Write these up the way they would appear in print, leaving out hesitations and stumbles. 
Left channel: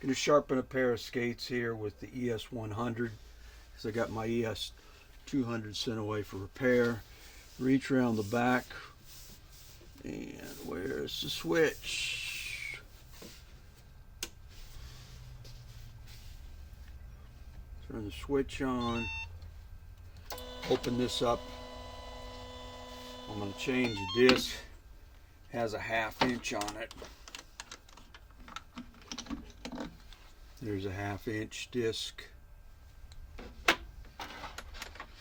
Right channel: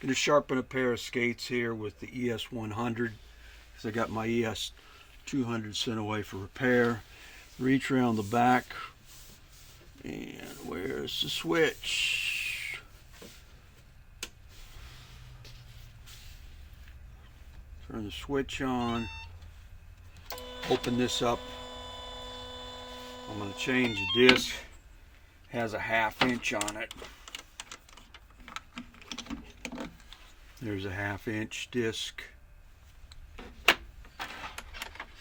Going to sharpen a pair of skates here with the ES100 because I got my ES200 sent away for repair. Reach around the back, and where's the switch? Turn the switch on. Open this up. I'm going to change the disc. Has a 1/2 inch on it. There's a 1/2 inch disc.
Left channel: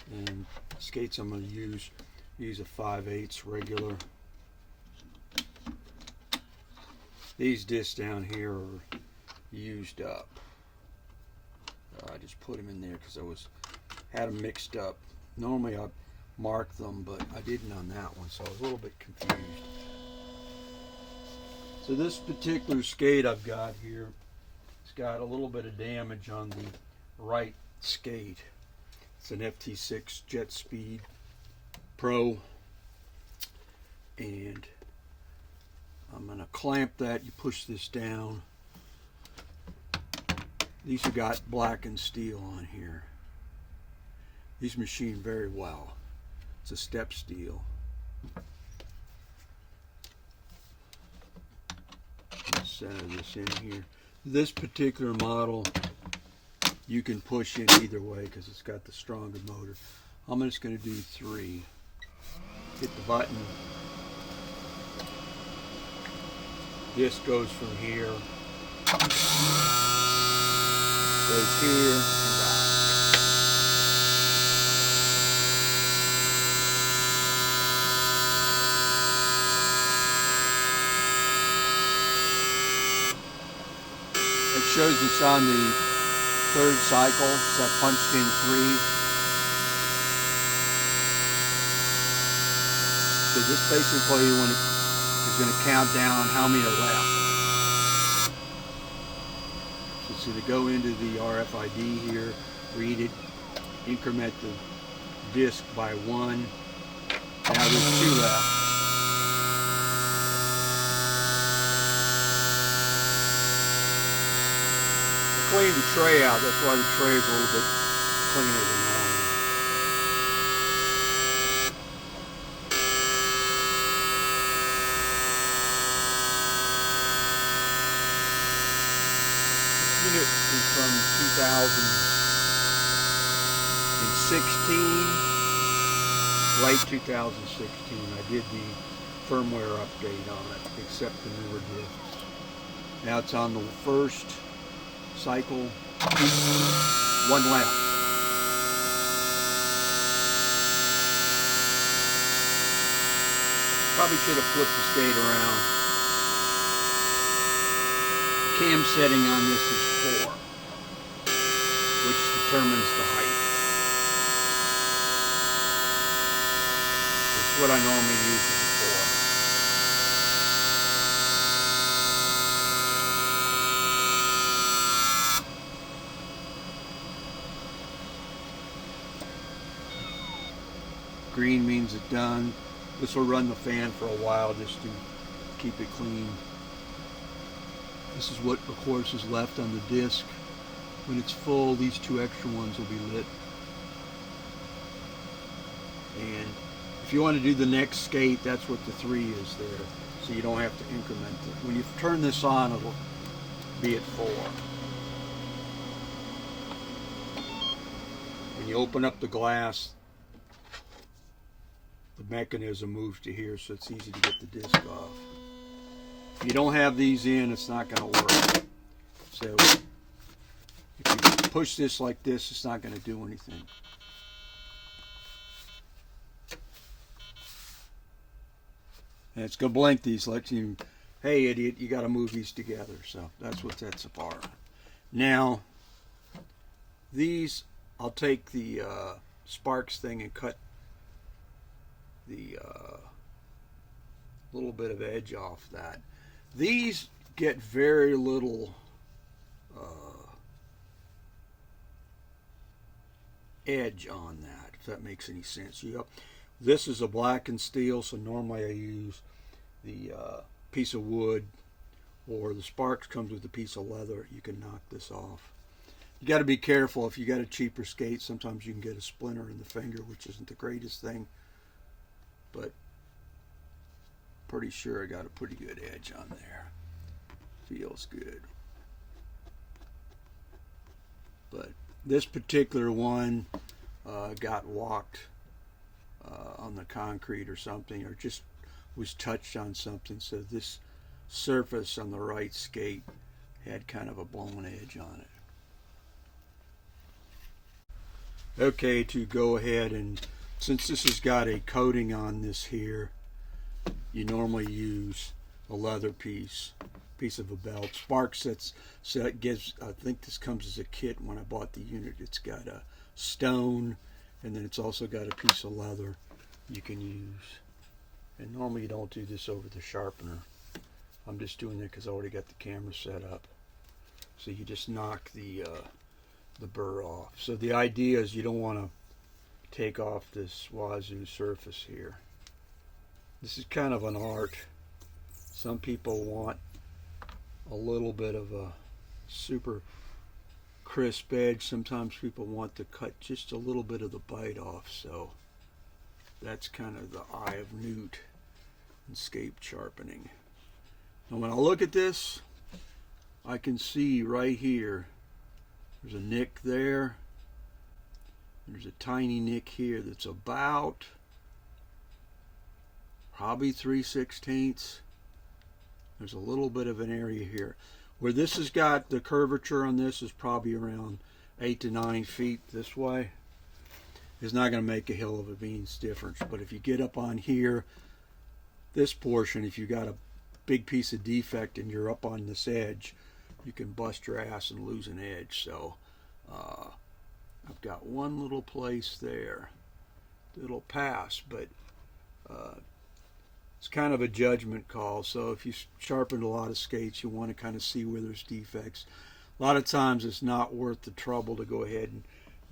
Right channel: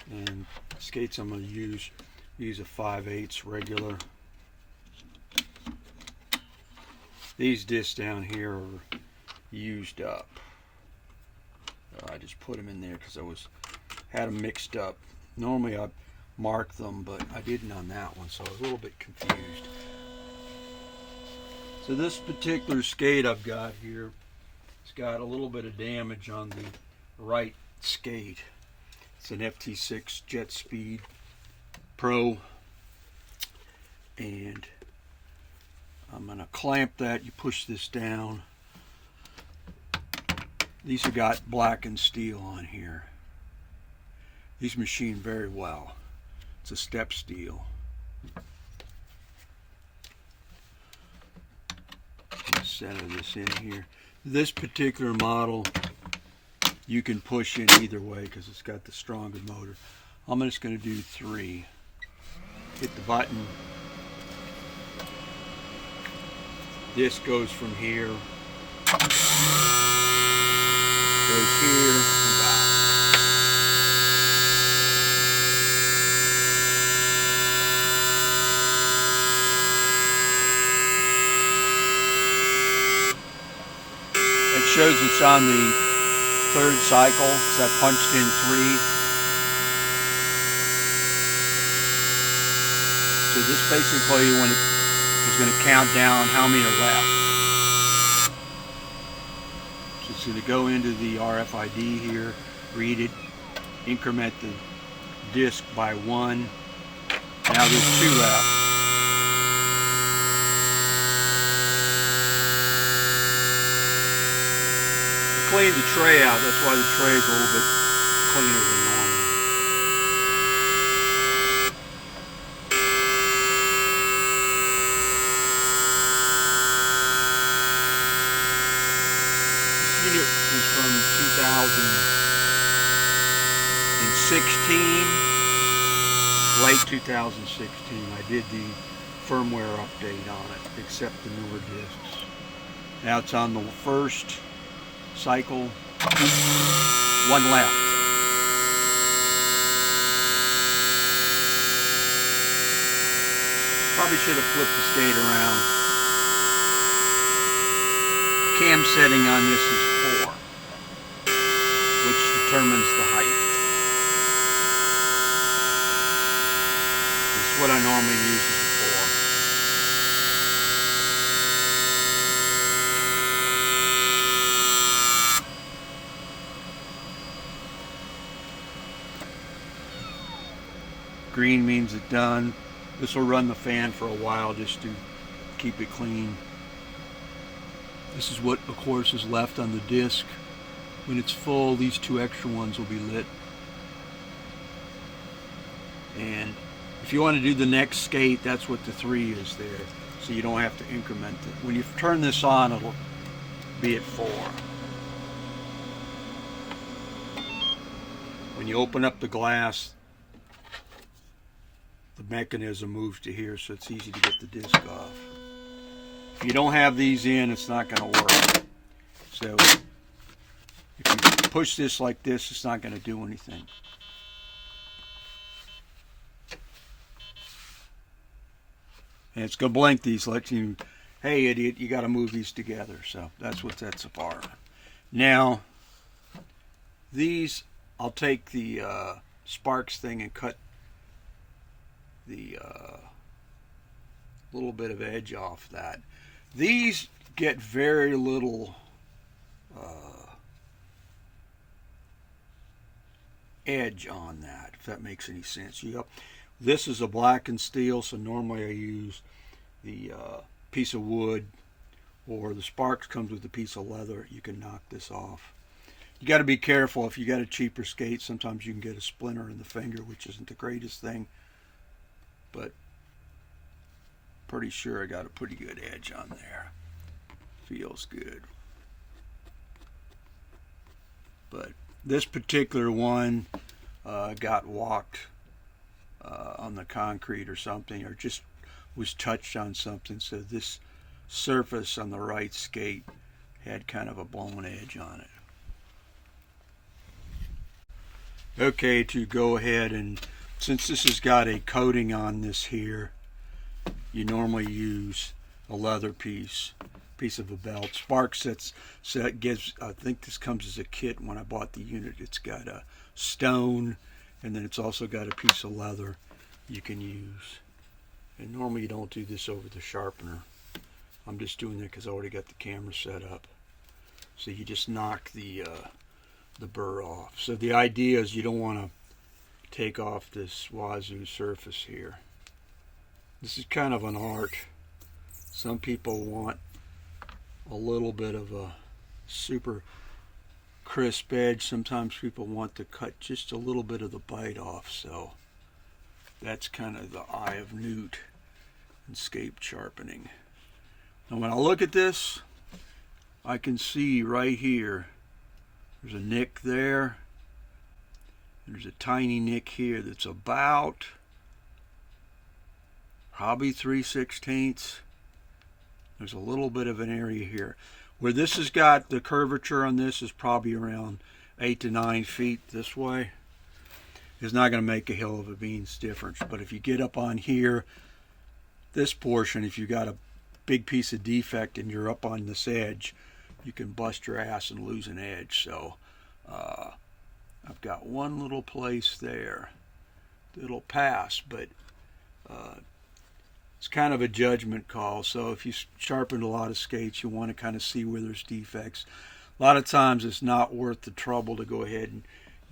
And skates I'm going to use a 5/8 regular. These discs down here are used up. I just put them in there because had them mixed up. Normally I mark them, but I didn't on that one, so I was a little bit confused. So this particular skate I've got here, it's got a little bit of damage on the right skate. It's an FT6 Jet Speed Pro, and I'm going to clamp that. You push this down. These have got black and steel on here. These machine very well. It's a step steel. Center this in here. This particular model you can push in either way because it's got the stronger motor. I'm just going to do 3. Hit the button. This goes from here, goes here, and out. It shows it's on the 3rd cycle, so I punched in 3. So this basically when it is going to count down how many are left. So to go into the RFID here, read it, increment the disc by 1. Now there's 2 left. Clean the tray out, that's why the tray is a little bit cleaner than normal. This unit is from 2016, late 2016. I did the firmware update on it, except the newer discs. Now it's on the 1st cycle, 1 left. Probably should have flipped the skate around. Cam setting on this is 4, which determines the height. This is what I normally use as a 4. Green means it's done. This will run the fan for a while just to keep it clean. This is what, of course, is left on the disc. When it's full, these 2 extra ones will be lit. And if you want to do the next skate, that's what the 3 is there. So you don't have to increment it. When you turn this on, it'll be at 4. When you open up the glass, the mechanism moves to here, so it's easy to get the disc off. If you don't have these in, it's not going to work. So if you push this like this, it's not going to do anything. And it's going to blink these, let you, hey idiot, you got to move these together. So that's what that's for. Now, these, I'll take the Sparx thing and cut the little bit of edge off that. These get very little edge on that, if that makes any sense. This is a black and steel, so normally I use the piece of wood or the Sparx comes with a piece of leather, you can knock this off. You got to be careful. If you got a cheaper skate, sometimes you can get a splinter in the finger, which isn't the greatest thing, but pretty sure I got a pretty good edge on there. Feels good. But this particular one got walked on the concrete or something, or just was touched on something, so this surface on the right skate had kind of a blown edge on it. Okay, to go ahead, and since this has got a coating on this here, you normally use a leather piece of a belt. Sparx gives, I think this comes as a kit. When I bought the unit, it's got a stone, and then it's also got a piece of leather you can use. And normally you don't do this over the sharpener. I'm just doing it because I already got the camera set up. So you just knock the burr off. So the idea is you don't want to take off this wazoo surface here. This is kind of an art. Some people want a little bit of a super crisp edge. Sometimes people want to cut just a little bit of the bite off. So that's kind of the eye of newt in skate sharpening. Now when I look at this, I can see right here, there's a nick there. There's a tiny nick here that's about probably 3/16. There's a little bit of an area here. Where this has got the curvature on this is probably around 8 to 9 feet this way. It's not going to make a hill of a beans difference. But if you get up on here, this portion, if you got a big piece of defect and you're up on this edge, you can bust your ass and lose an edge. So I've got one little place there that'll pass, but it's kind of a judgment call. So if you sharpened a lot of skates, you want to kind of see where there's defects. A lot of times it's not worth the trouble to go ahead and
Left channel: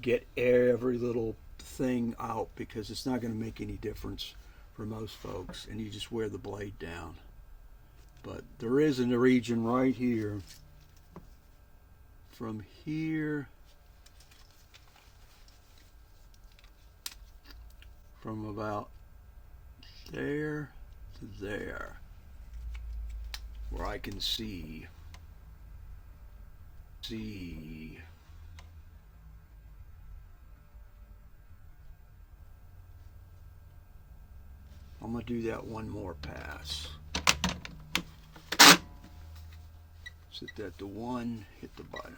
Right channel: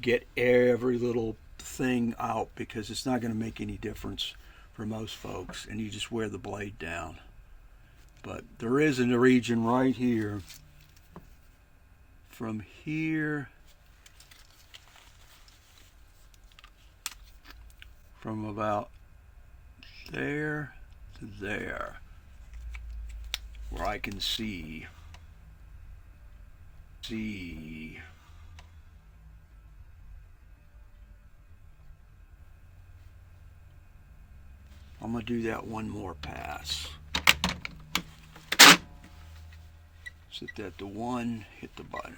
get every little thing out, because it's not going to make any difference for most folks, and you just wear the blade down. But there is in the region right here, from here, from about there to there, where I can see I'm going to do that one more pass. Set that to 1, hit the button.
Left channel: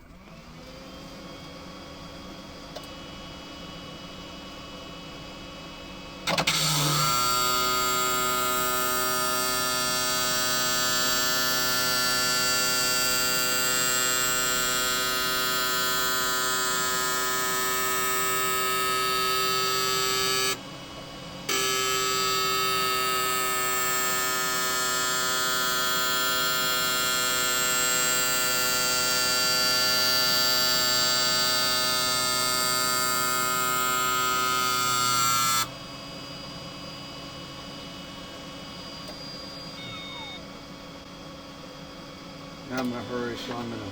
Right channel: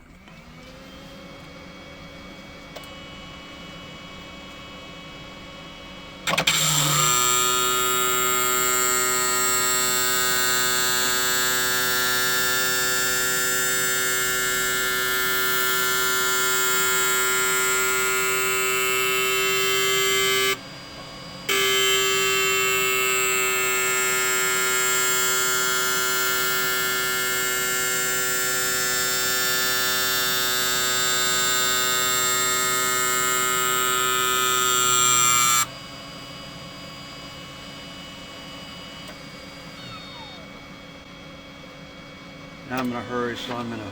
Now I'm in a hurry, so I'm going to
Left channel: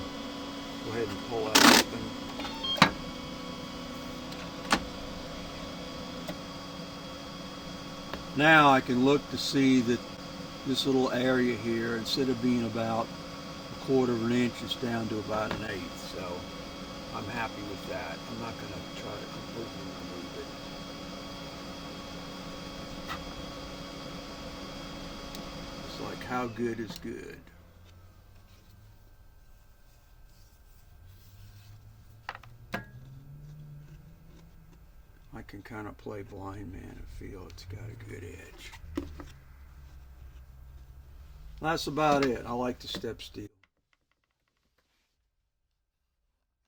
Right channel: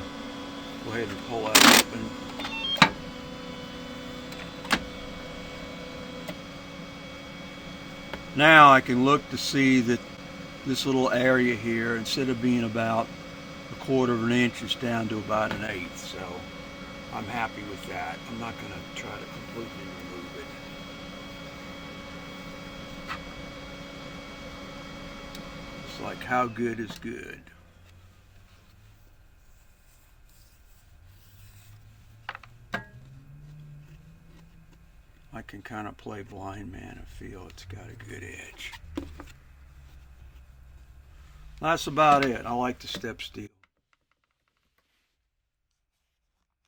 go ahead and pull that open. Now I can look to see that this little area here, instead of being about 1/4 of an inch, is down to about 1/8. So I'm happy with that. I'm not going to try to completely remove it. It's like, how good is good? I can kind of play blind man and feel it's got a good edge. That's about it. I like the step steel.